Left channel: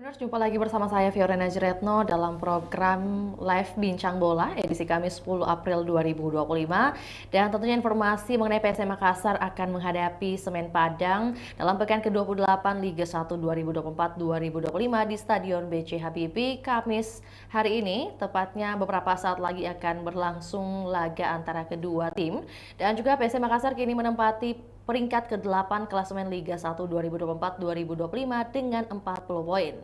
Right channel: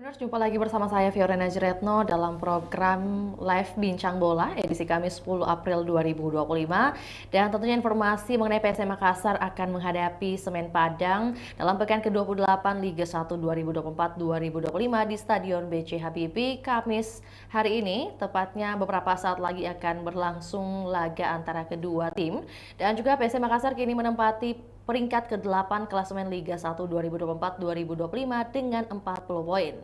Benar, jumpa lagi bersama saya Fiorena Jeretno dalam program Live Bincang Bola edisi Kamis 10 April 2025. Dan tentunya informasi mengenai PSM Makassar akan menghadapi Semen Padang dalam pekan ke-28 Liga 1 2024-2025 di Stadion BC Habibie Kamis hari ini. Tepatnya beberapa saat lagi akan berlangsung laga antara kedua tim. Dan juga PSM Makassar kini menempati peringkat ke-8 klasemen Liga 1 2024-2025 dengan 40 poin.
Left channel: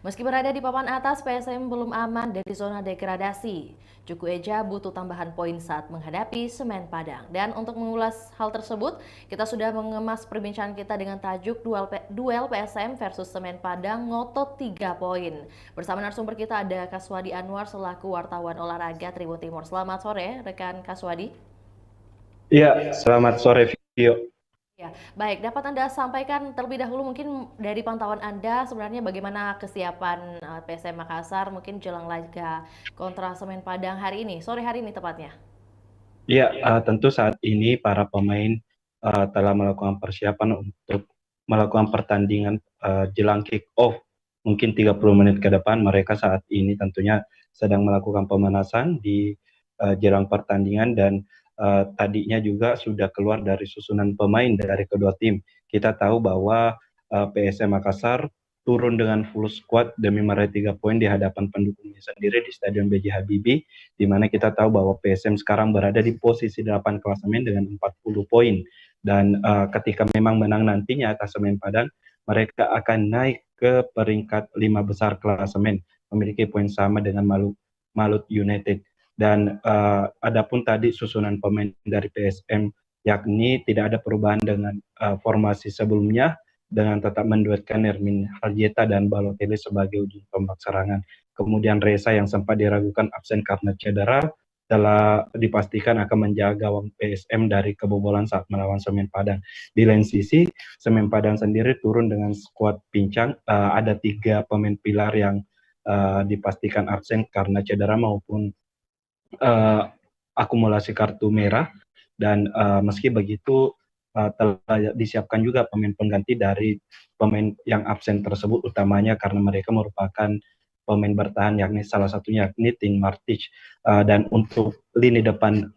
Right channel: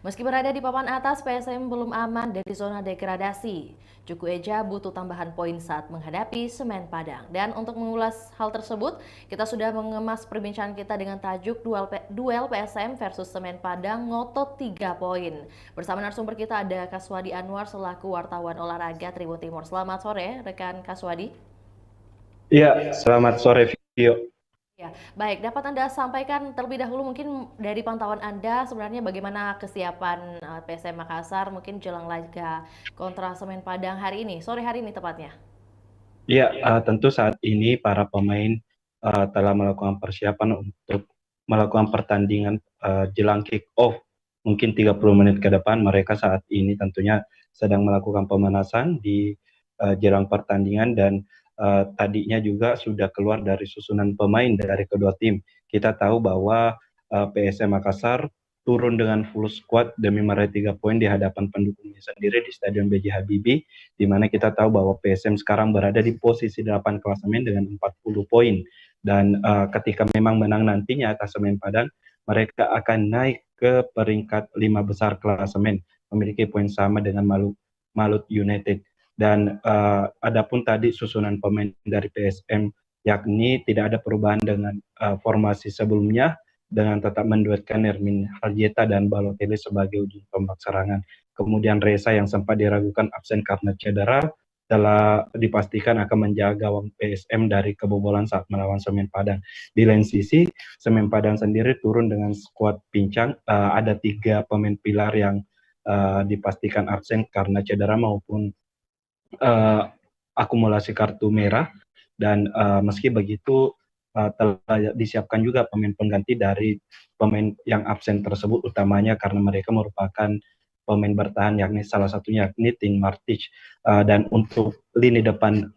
Meski berada di papan atas, PSM belum aman dari zona degradasi. Juku Eja butuh tambahan poin saat menghadapi Semen Padang. Dan untuk mengulas hal tersebut, kita sudah mengemas perbincangan kita dengan tajuk duel PSM versus Semen Padang ngotot 3 poin. Bersama narasumber kita ada Kaswadi Anwar selaku wartawan olahraga Tribun Timur. Selamat sore, rekan Kaswadi. Iya, selamat sore Vio. Ya, baik. Dapat Anda sampaikan terlebih dahulu mungkin dari pantauan Anda sebenarnya bagaimana kesiapan PSM Makassar mungkin jelang laga kontra Semen Padang hari ini, sore hari ini tepatnya. Iya, tentu saat ini para pemain telah melakukan persiapan untuk melakukan pertandingan jelang kick off. Mungkin 30 menit ke depan mereka saat ini tentunya sedang melakukan pemanasan di jelang pertandingan dan tadinya juga sudah keluar dari susunan pemain dari kedua tim. Kita tahu bahwa PSM Makassar turun dengan full squad demi meraih 3 poin di hadapan pendukungnya sendiri di Stadion BJ Habibie, di mana kita tahu bahwa PSM sekarang berada di posisi 8 klasemen dengan 40 poin. Dan ketika memang menang nantinya atas Semen Padang, mereka akan naik ke peringkat 5 besar klasemen, memiliki poin sama dengan Malut United. Dan adapun tadi susunan pemain dari PSM, yakni tidak ada perubahan dengan formasi sebelumnya, dengan tetap menduetkan Ermin Haljeta dan Balotelli sebagai ujung tombak serangan. Kemudian Reza yang sempat diragukan absen karena cedera telah dipastikan akan menjaga gawang PSM dari kebobolan saat melawan Semen Padang. Di lain sisi, Semen Padang sendiri turun dengan skuad pincang. Ada 3 pemain pilar yang dipastikan absen karena cedera maupun uh, akumulasi kartu merah. Dan meski begitu telah disiapkan juga pemain pengganti dari pemain yang absen tersebut, utamanya karena mereka merupakan pemain bertahan, yakni salah satunya yakni Tim Martic. Dan untuk lini depan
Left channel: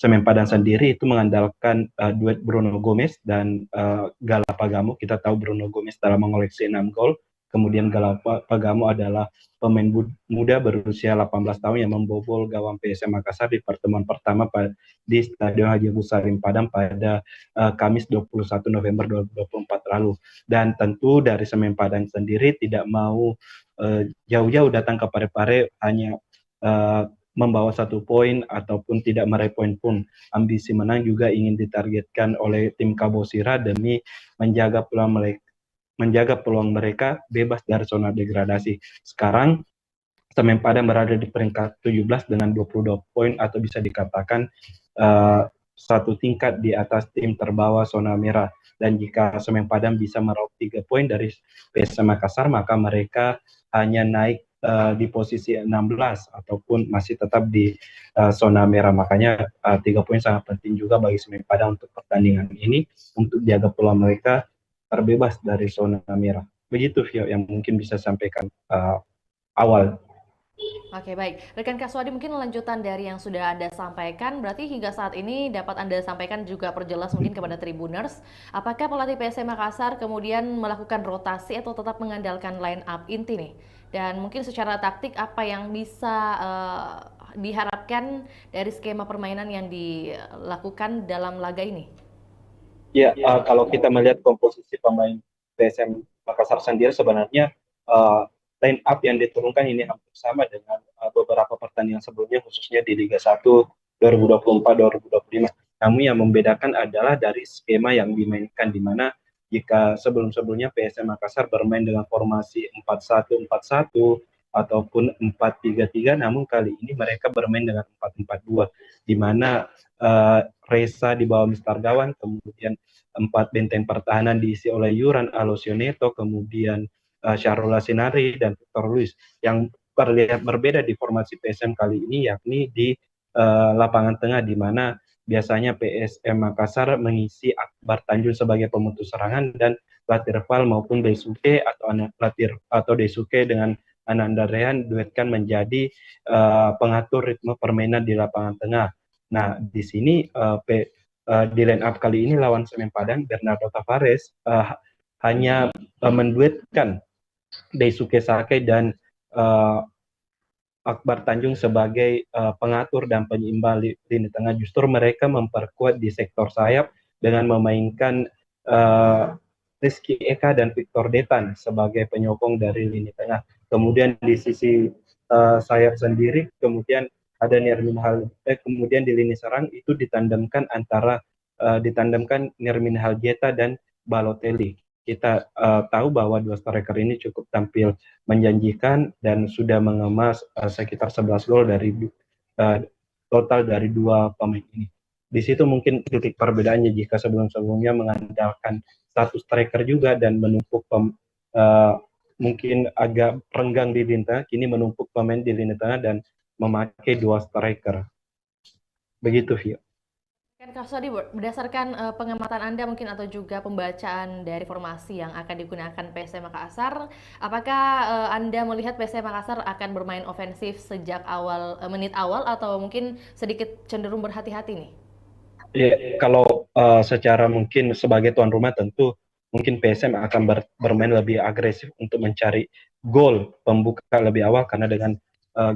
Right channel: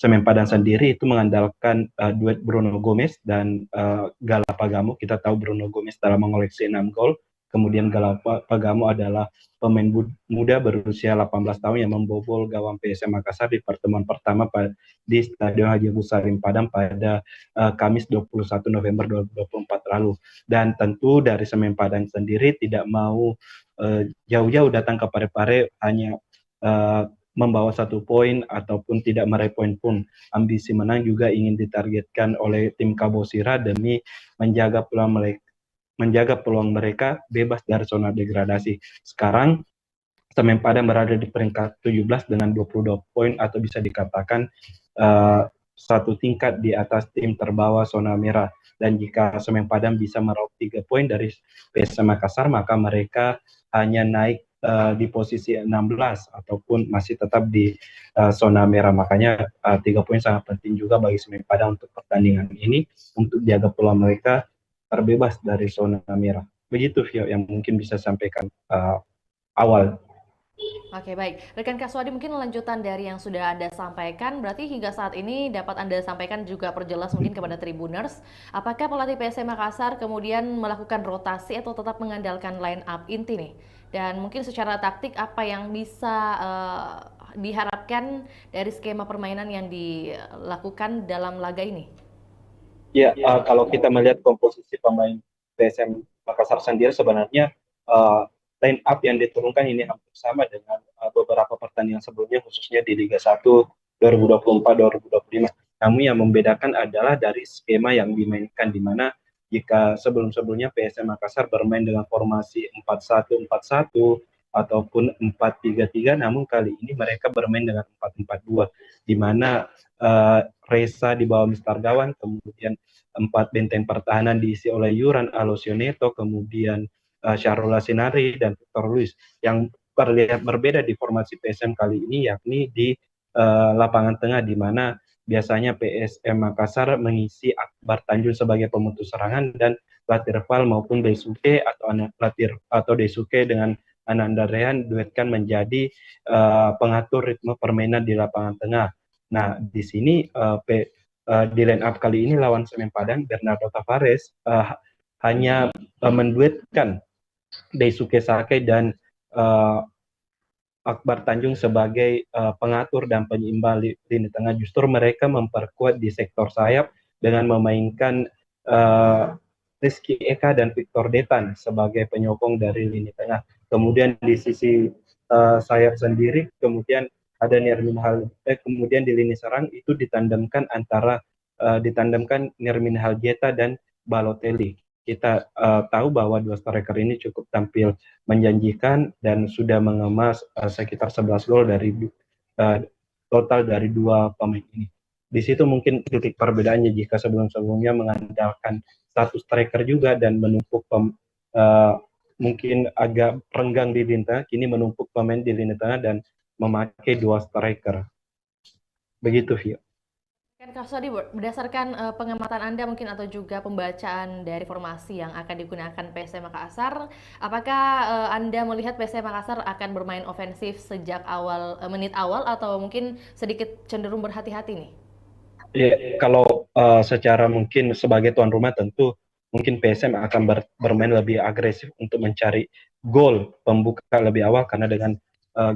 Semen Padang sendiri itu mengandalkan duet Bruno Gomez dan Galapagamo. Kita tahu Bruno Gomez telah mengoleksi 6 gol. Kemudian Galapagamo adalah pemain muda berusia 18 tahun yang membobol gawang PSM Makassar di pertemuan pertama di Stadion Haji Agus Salim Padang pada Kamis 21 November 2024 lalu. Dan tentu dari Semen Padang sendiri tidak mau jauh-jauh datang ke Parepare hanya membawa 1 poin ataupun tidak meraih poin pun. Ambisi menang juga ingin ditargetkan oleh tim Kabosira demi menjaga peluang mereka bebas dari zona degradasi. Sekarang Semen Padang berada di peringkat 17 dengan 22 poin, atau bisa dikatakan satu tingkat di atas tim terbawah zona merah. Dan jika Semen Padang bisa meraup 3 poin dari PSM Makassar, maka mereka hanya naik di posisi 16 ataupun masih tetap di zona merah. Makanya 3 poin sangat penting juga bagi Semen Padang untuk pertandingan ini, untuk jaga peluang mereka terbebas dari zona merah. Begitu Vio yang mungkin bisa sampaikan awal. Oke, baik. Rekan Kaswadi, mungkin lanjutan dari yang sudah Anda sampaikan, berarti hingga saat ini dapat Anda sampaikan juga perjelas mungkin kepada Tribuners, apakah pelatih PSM Makassar kemudian melakukan rotasi atau tetap mengandalkan line up inti nih? Dan mungkin secara taktik apa yang bisa diharapkan dari skema permainan yang dilakukan dalam laga ini? Ya, kalau kita melihat komposisi pemain PSM Makassar sendiri, sebenarnya uh, line up yang diturunkan ini hampir sama dengan beberapa pertandingan sebelumnya, khususnya di Liga 1 2024-2025. Namun yang membedakan adalah dari skema yang dimainkan, di mana jika sebelum-sebelumnya PSM Makassar bermain dengan formasi 4-1-4-1 ataupun 4-3-3, namun kali ini mereka bermain dengan 4-4-2, di mana Reza di bawah Mister Gawan, kemudian 4 benteng pertahanan diisi oleh Yuran Alosioneto, kemudian Syahrul Lasinari dan Victor Luis. Yang terlihat berbeda di formasi PSM kali ini yakni di lapangan tengah, di mana biasanya PSM Makassar mengisi Akbar Tanjung sebagai pemutus serangan dan Latir Fal maupun Daisuke atau Daisuke dengan Ananda Rehan duetkan menjadi pengatur ritme permainan di lapangan tengah. Nah, di sini di line up kali ini lawan Semen Padang, Bernardo Tavares hanya menduetkan Daisuke Sake dan Akbar Tanjung sebagai pengatur dan penyeimbang lini tengah. Justru mereka memperkuat di sektor sayap dengan memainkan Rizky Eka dan Victor Detan sebagai penyokong dari lini tengah. Kemudian di sisi sayap sendiri, kemudian ada kemudian di lini serang itu ditandemkan Nirmin Haljeta dan Balotelli. Kita tahu bahwa dua striker ini cukup tampil menjanjikan dan sudah mengemas sekitar 11 gol dari total dari dua pemain ini. Di situ mungkin titik perbedaannya jika sebelum-sebelumnya mengandalkan satu striker juga dan menumpuk mungkin agak renggang di lini tengah, kini menumpuk pemain di lini tengah dan memakai dua striker. Begitu, Vio. Kan Kak Sodi, berdasarkan pengamatan Anda mungkin atau juga pembacaan dari formasi yang akan digunakan PSM Makassar, apakah Anda melihat PSM Makassar akan bermain ofensif sejak menit awal atau mungkin sedikit cenderung berhati-hati nih? Ya, kalau secara mungkin sebagai tuan rumah tentu mungkin PSM akan bermain lebih agresif untuk mencari gol pembuka lebih awal, karena dengan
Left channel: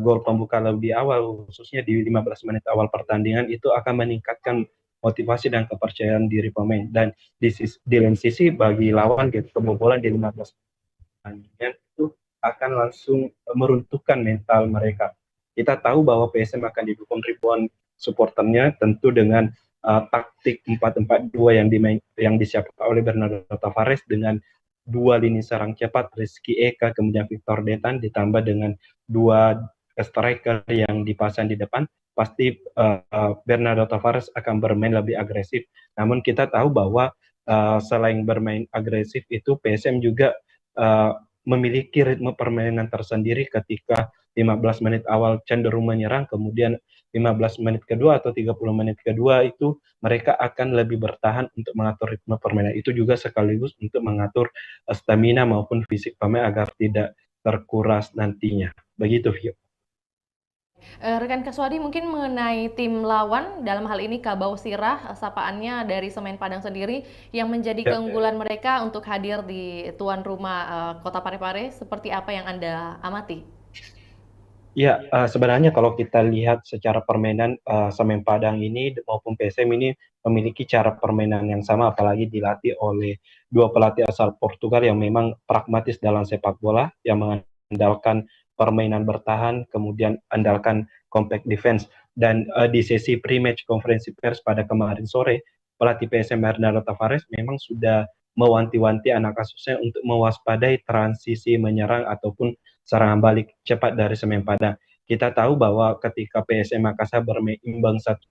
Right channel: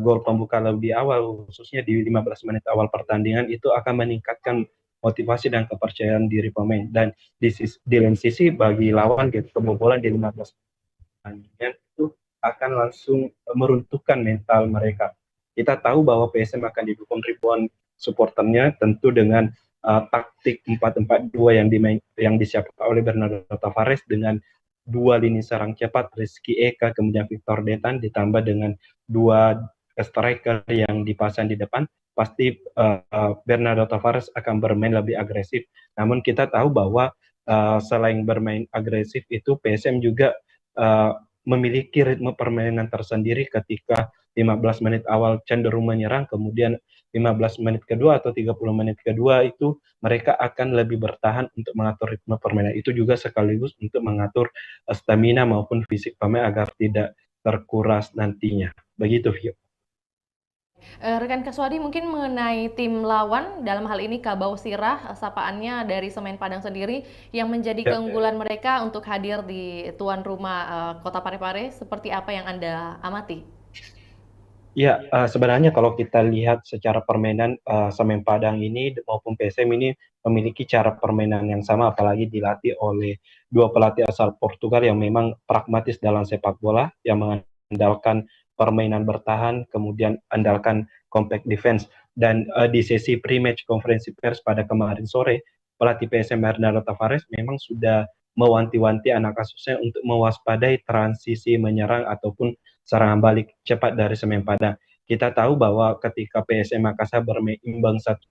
gol pembuka lebih awal khususnya di 15 menit awal pertandingan itu akan meningkatkan motivasi dan kepercayaan diri pemain. Dan di lain sisi bagi lawan gitu, kebobolan di 15 pertandingan itu akan langsung meruntuhkan mental mereka. Kita tahu bahwa PSM akan didukung ribuan supporternya, tentu dengan taktik 4-4-2 yang disiapkan oleh Bernardo Tavares dengan dua lini serang cepat, Rizky Eka, kemudian Victor Detan, ditambah dengan dua striker yang dipasang di depan, pasti Bernardo Tavares akan bermain lebih agresif. Namun kita tahu bahwa selain bermain agresif itu PSM juga memiliki ritme permainan tersendiri ketika 15 menit awal cenderung menyerang, kemudian 15 menit kedua atau 30 menit kedua itu mereka akan lebih bertahan untuk mengatur ritme permainan. Itu juga sekaligus untuk mengatur stamina maupun fisik pemain agar tidak terkuras nantinya. Begitu, Vio. Rekan Kaswadi mungkin mengenai tim lawan, dalam hal ini Kabau Sirah, sapaannya dari Semen Padang sendiri, yang menjadi Ya. keunggulan mereka untuk hadir di tuan rumah Kota Parepare, seperti apa yang Anda amati? Ya, sebenarnya kalau kita lihat secara permainan Semen Padang ini maupun PSM ini memiliki cara permainan yang sama, apalagi dilatih oleh dua pelatih asal Portugal yang memang pragmatis dalam sepak bola, yang mengandalkan permainan bertahan, kemudian andalkan compact defense. Dan di sesi pre-match konferensi pers pada kemarin sore, pelatih PSM Bernardo Tavares memang sudah mewanti-wanti anak asuhnya untuk mewaspadai transisi menyerang ataupun serangan balik cepat dari Semen Padang. Kita tahu bahwa ketika PSM Makassar bermain imbang 1-1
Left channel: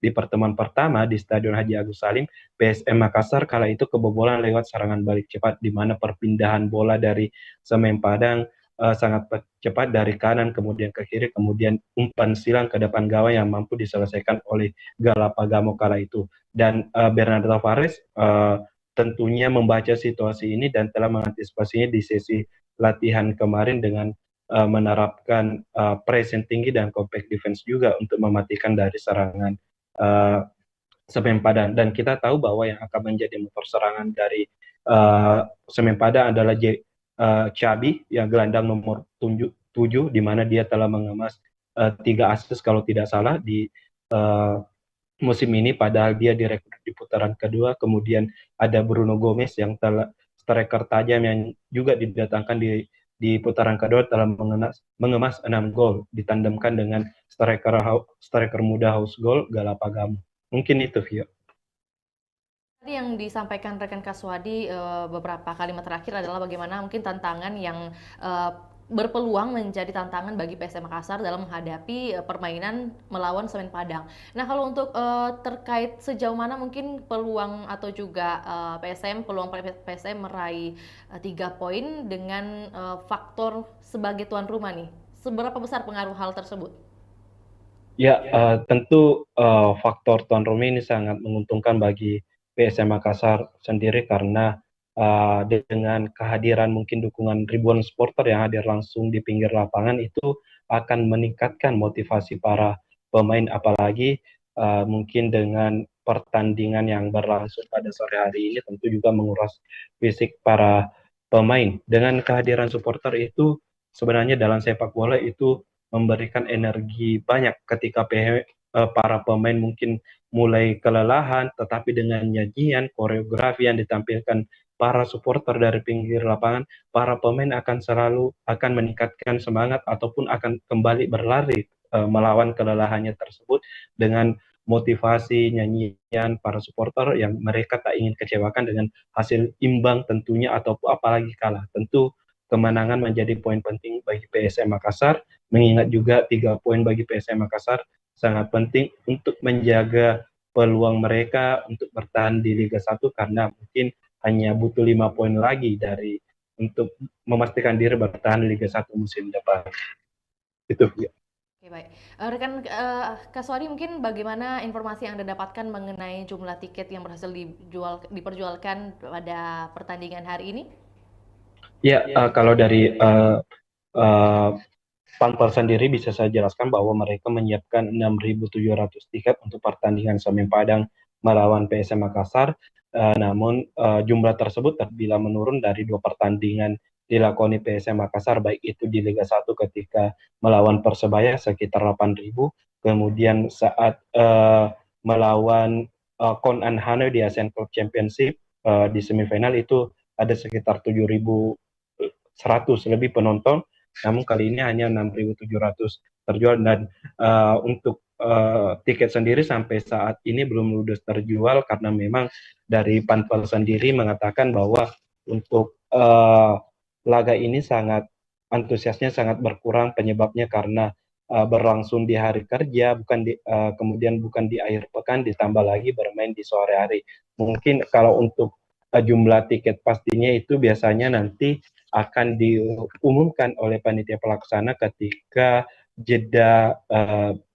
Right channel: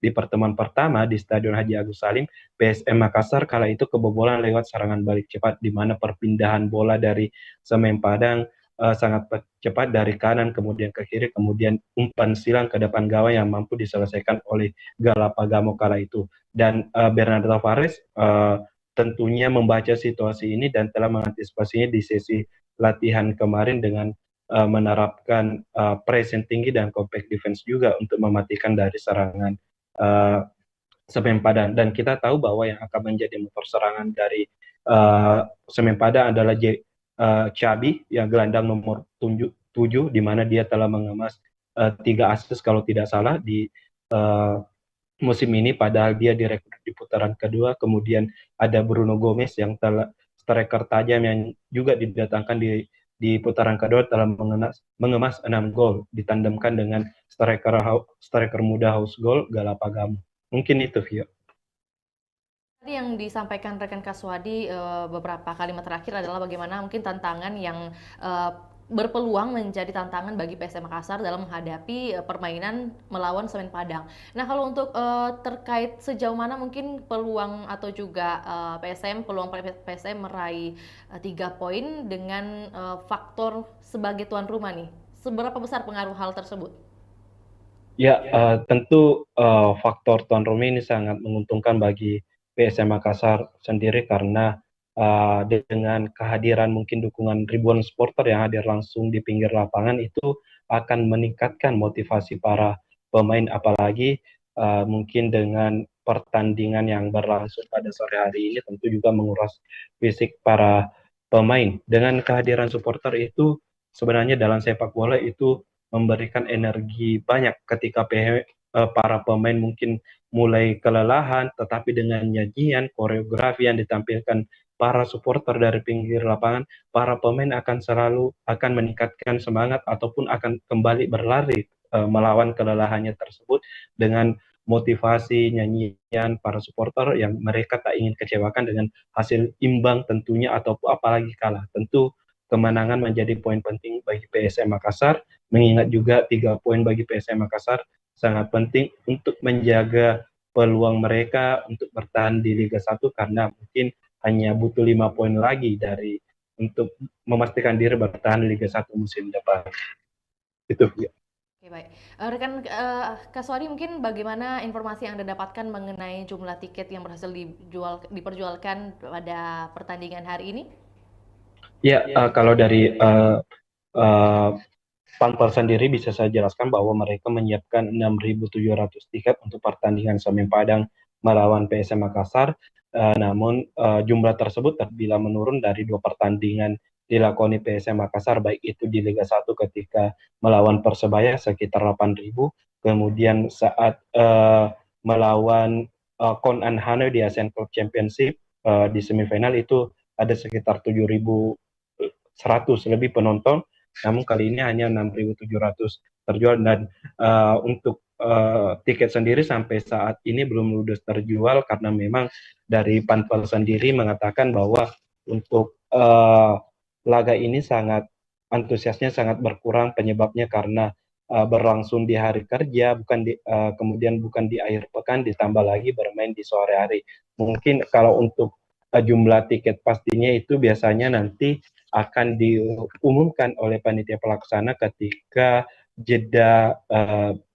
di pertemuan pertama di Stadion Haji Agus Salim, PSM Makassar kala itu kebobolan lewat serangan balik cepat, di mana perpindahan bola dari Semen Padang sangat cepat dari kanan kemudian ke kiri, kemudian umpan silang ke depan gawang yang mampu diselesaikan oleh Galapagamo kala itu. Dan Bernardo Tavares tentunya membaca situasi ini dan telah mengantisipasinya di sesi latihan kemarin dengan menerapkan pressing tinggi dan compact defense juga untuk mematikan dari serangan Semen Padang. Dan kita tahu bahwa yang akan menjadi motor serangan dari Semen Padang adalah Chabi, yang gelandang nomor 7, di mana dia telah mengemas 3 assist kalau tidak salah di musim ini, padahal dia direkrut di putaran kedua. Kemudian ada Bruno Gomez yang telah striker tajam yang juga didatangkan di putaran kedua, telah mengemas 6 gol, ditandemkan dengan striker muda House Goal Galapagamo. Mungkin itu, Vio. Tadi yang disampaikan rekan Kaswadi beberapa kalimat terakhir adalah bagaimana mungkin tantangan yang berpeluang menjadi tantangan bagi PSM Makassar dalam menghadapi permainan melawan Semen Padang. Nah, kalau untuk terkait sejauh mana mungkin peluang atau juga peluang PSM meraih 3 poin dengan faktor sebagai tuan rumah nih, seberapa besar pengaruh hal tersebut? Ya, tentu faktor tuan rumah ini sangat menguntungkan bagi PSM Makassar sendiri karena dengan kehadiran mungkin dukungan ribuan supporter yang hadir langsung di pinggir lapangan itu akan meningkatkan motivasi para pemain, apalagi mungkin dengan pertandingan yang berlangsung pada sore hari ini tentu juga menguras fisik para pemain. Dengan kehadiran supporter itu sebenarnya dalam sepak bola itu memberikan energi banyak ketika para pemain mungkin mulai kelelahan, tetapi dengan nyanyian, koreografi yang ditampilkan para supporter dari pinggir lapangan, para pemain akan selalu akan meningkatkan semangat ataupun akan kembali berlari melawan kelelahannya tersebut dengan motivasi nyanyian para supporter yang mereka tak ingin kecewakan dengan hasil imbang tentunya ataupun apalagi kalah. Tentu kemenangan menjadi poin penting bagi PSM Makassar, mengingat juga 3 poin bagi PSM Makassar sangat penting untuk menjaga peluang mereka untuk bertahan di Liga 1 karena mungkin hanya butuh 5 poin lagi dari untuk memastikan diri bertahan di Liga 1 musim depan. Itu ya. Oke, baik. Rekan Kak Swadi, mungkin bagaimana informasi yang Anda dapatkan mengenai jumlah tiket yang berhasil diperjualkan pada pertandingan hari ini? Ya, kalau dari uh, Pampel sendiri bisa saya jelaskan bahwa mereka menyiapkan 6.700 tiket untuk pertandingan Semen Padang melawan PSM Makassar. Namun jumlah tersebut terbilang menurun dari 2 pertandingan dilakoni PSM Makassar, baik itu di Liga 1 ketika melawan Persebaya sekitar 8.000, kemudian saat melawan Kon An Hanoy di Asian Club Championship di semifinal itu ada sekitar 7.100 lebih penonton, namun kali ini hanya 6.700 terjual dan untuk tiket sendiri sampai saat ini belum ludes terjual karena memang dari Panpel sendiri mengatakan bahwa untuk laga ini sangat antusiasnya sangat berkurang, penyebabnya karena berlangsung di hari kerja, kemudian bukan di akhir pekan, ditambah lagi bermain di sore hari. Mungkin kalau untuk jumlah tiket pastinya itu biasanya nanti akan diumumkan oleh panitia pelaksana ketika jeda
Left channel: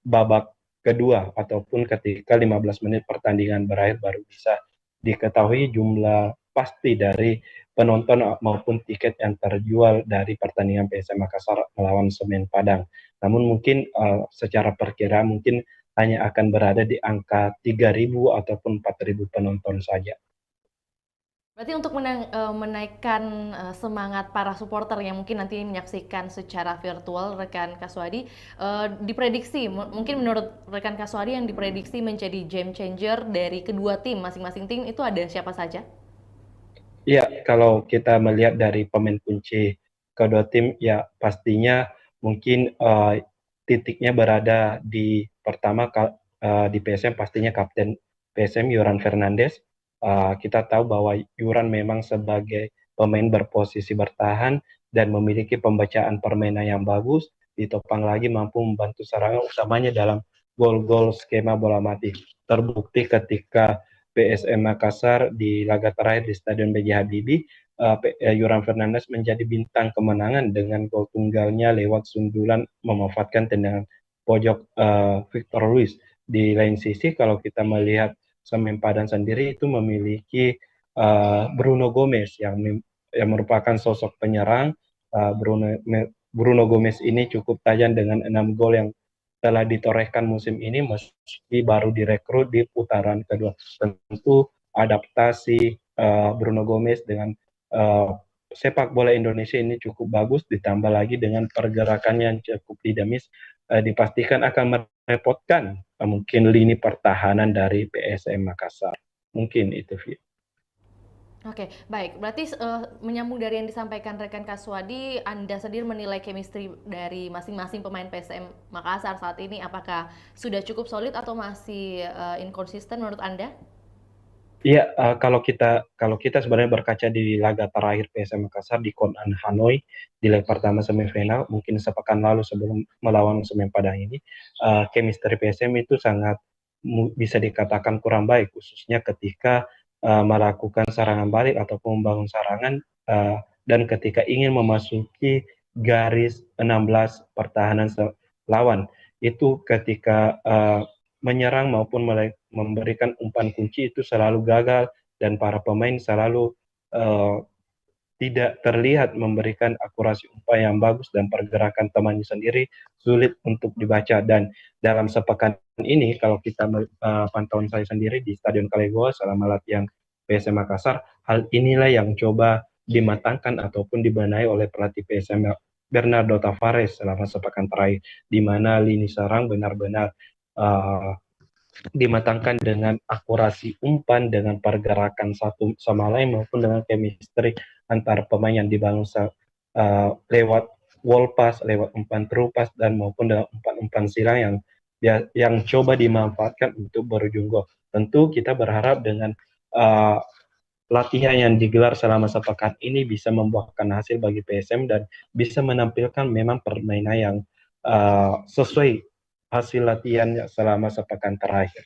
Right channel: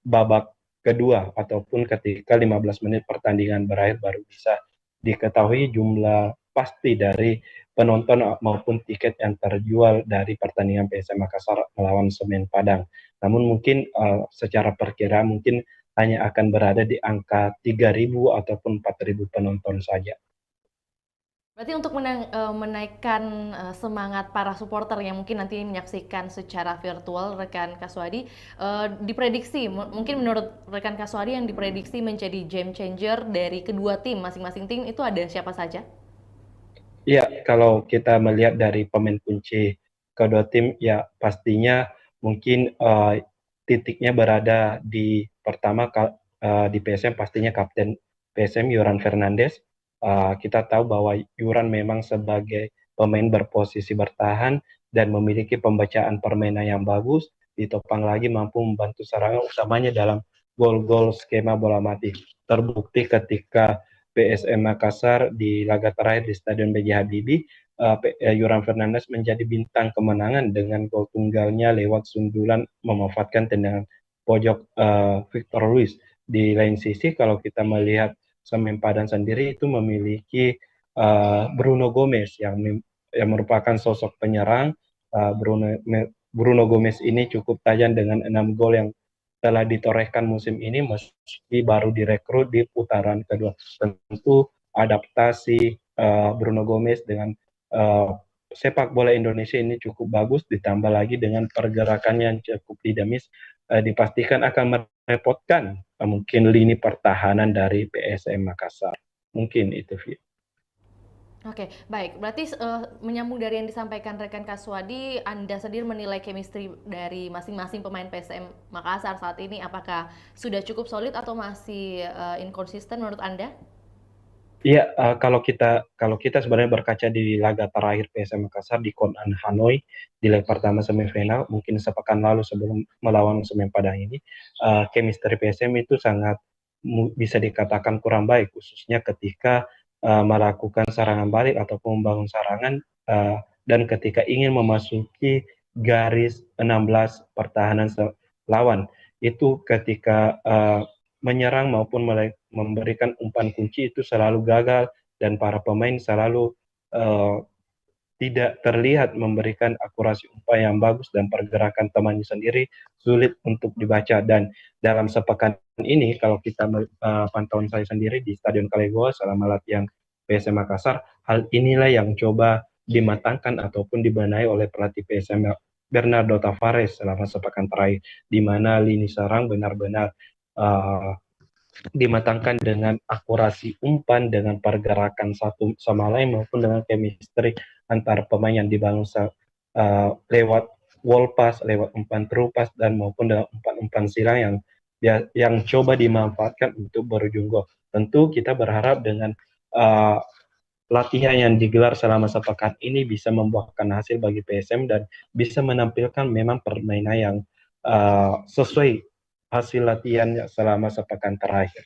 babak kedua ataupun ketika 15 menit pertandingan berakhir baru bisa diketahui jumlah pasti dari penonton maupun tiket yang terjual dari pertandingan PSM Makassar melawan Semen Padang. Namun mungkin secara perkiraan mungkin hanya akan berada di angka 3.000 ataupun 4.000 penonton saja. Berarti untuk menaikkan semangat para supporter yang mungkin nanti menyaksikan secara virtual, rekan Kaswadi, diprediksi, mungkin menurut rekan Kaswadi yang diprediksi menjadi game changer dari kedua tim, masing-masing tim itu ada siapa saja? Ya, kalau kita melihat dari pemain kunci kedua tim, ya pastinya mungkin titiknya berada di pertama di PSM pastinya Kapten PSM Yoran Fernandes. Kita tahu bahwa Yoran memang sebagai pemain berposisi bertahan dan memiliki pembacaan permainan yang bagus, ditopang lagi mampu membantu serangan utamanya dalam gol-gol skema bola mati. Terbukti ketika PSM Makassar di laga terakhir di Stadion B.J. Habibie, Yoran Fernandes menjadi bintang kemenangan dengan gol tunggalnya lewat sundulan memanfaatkan tendangan pojok Victor Luis. Di lain sisi, kalau kita melihat Semen Padang sendiri itu memiliki Bruno Gomez yang merupakan sosok penyerang. Bruno Gomez ini cukup tajam dengan 6 gol yang telah ditorehkan musim ini meski baru direkrut di putaran kedua. Tentu adaptasi Bruno Gomez dengan uh, sepak bola Indonesia ini cukup bagus, ditambah lagi dengan pergerakannya yang cukup dinamis, dipastikan akan merepotkan mungkin lini pertahanan dari PSM Makassar. Mungkin itu, Vi. Oke, baik. Berarti menyambung dari yang disampaikan rekan Kaswadi, Anda sendiri menilai chemistry dari masing-masing pemain PSM Makassar saat ini apakah sudah cukup solid atau masih inkonsisten menurut Anda? Iya, kalau kita sebenarnya berkaca di laga terakhir PSM Makassar di Kon-An Hanoi di leg pertama semifinal, mungkin sepekan lalu sebelum melawan Semen Padang ini, chemistry PSM itu sangat bisa dikatakan kurang baik, khususnya ketika melakukan serangan balik ataupun membangun serangan dan ketika ingin memasuki garis 16 pertahanan lawan. itu ketika menyerang maupun memberikan umpan kunci itu selalu gagal dan para pemain selalu uh, tidak terlihat memberikan akurasi umpan yang bagus dan pergerakan temannya sendiri sulit untuk dibaca. Dan dalam sepekan ini kalau kita pantauan saya sendiri di Stadion Kalegoa selama latihan PSM Makassar, hal inilah yang coba dimatangkan ataupun dibenahi oleh pelatih PSM Bernardo Tavares selama sepekan terakhir, di mana lini serang benar-benar uh, dimatangkan dengan akurasi umpan, dengan pergerakan satu sama lain maupun dengan chemistry antar pemain yang dibangun lewat wall pass, lewat umpan terupas dan maupun dengan umpan-umpan silang yang coba dimanfaatkan untuk berujung gol. Tentu kita berharap dengan uh, latihan yang digelar selama sepekan ini bisa membuahkan hasil bagi PSM dan bisa menampilkan memang permainan yang sesuai hasil latihannya selama sepekan terakhir.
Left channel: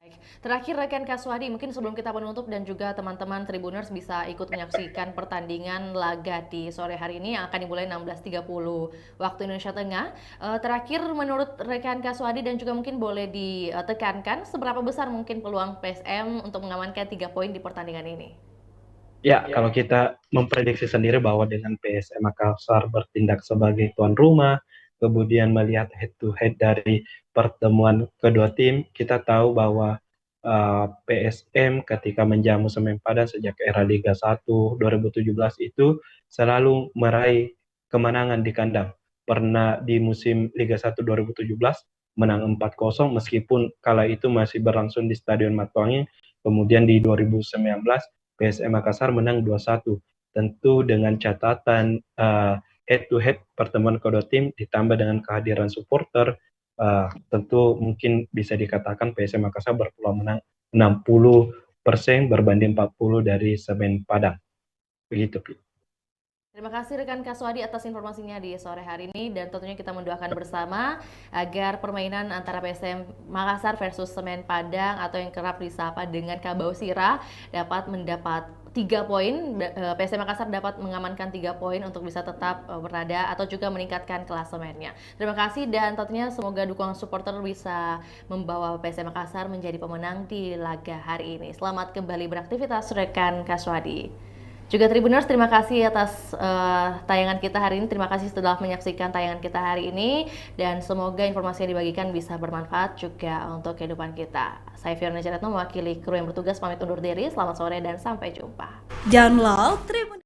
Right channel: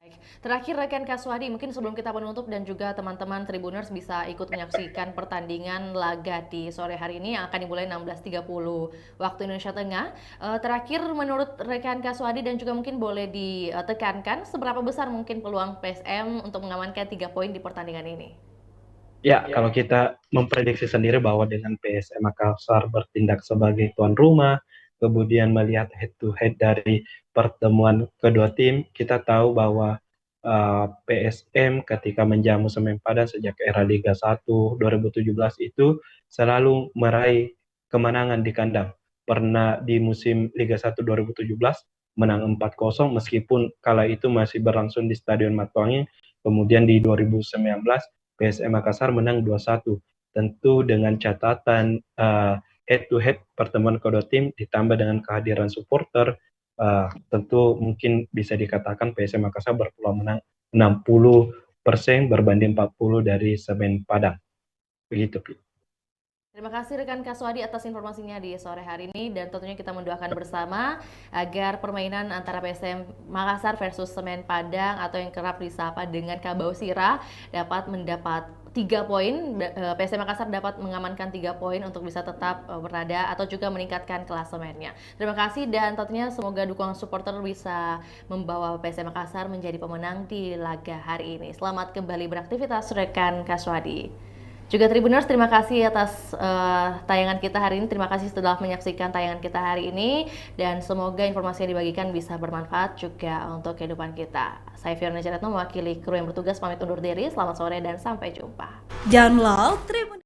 Baik. Terakhir rekan Kaswadi, mungkin sebelum kita menutup dan juga teman-teman Tribuners bisa ikut menyaksikan pertandingan laga di sore hari ini yang akan dimulai 16.30 waktu Indonesia Tengah. Terakhir menurut rekan Kaswadi dan juga mungkin boleh ditekankan seberapa besar mungkin peluang PSM untuk mengamankan 3 poin di pertandingan ini? Ya, kalau kita memprediksi sendiri bahwa dengan PSM Makassar bertindak sebagai tuan rumah, kemudian melihat head to head dari pertemuan kedua tim, kita tahu bahwa PSM ketika menjamu Semen Padang sejak era Liga 1 2017 itu selalu meraih kemenangan di kandang. Pernah di musim Liga 1 2017 menang 4-0 meskipun kala itu masih berlangsung di Stadion Matuangin. Kemudian di 2019 PSM Makassar menang 2-1. Tentu dengan catatan head to head pertemuan kedua tim ditambah dengan kehadiran supporter, tentu mungkin bisa dikatakan PSM Makassar berpeluang menang 60% berbanding 40 dari Semen Padang. Begitu, Pi. Terima kasih rekan Kaswadi atas informasinya di sore hari ini dan tentunya kita mendoakan bersama agar permainan antara PSM Makassar versus Semen Padang atau yang kerap disapa dengan Kabau Sira dapat mendapat 3 poin. PSM Makassar dapat mengamankan 3 poin untuk bisa tetap berada atau juga meningkatkan klasemennya. Terima kasih dan tentunya semoga dukungan supporter bisa membawa PSM Makassar menjadi pemenang di laga hari ini. Selamat kembali beraktivitas rekan Kaswadi. Juga Tribuners, terima kasih atas tayangan kita hari ini. Terima kasih setelah menyaksikan tayangan kita hari ini. Dan semoga informasi yang dibagikan bisa bermanfaat juga untuk kehidupan kita. Saya Fiona Jaretno mewakili kru yang bertugas pamit undur diri. Selamat sore dan sampai jumpa. Download Tribun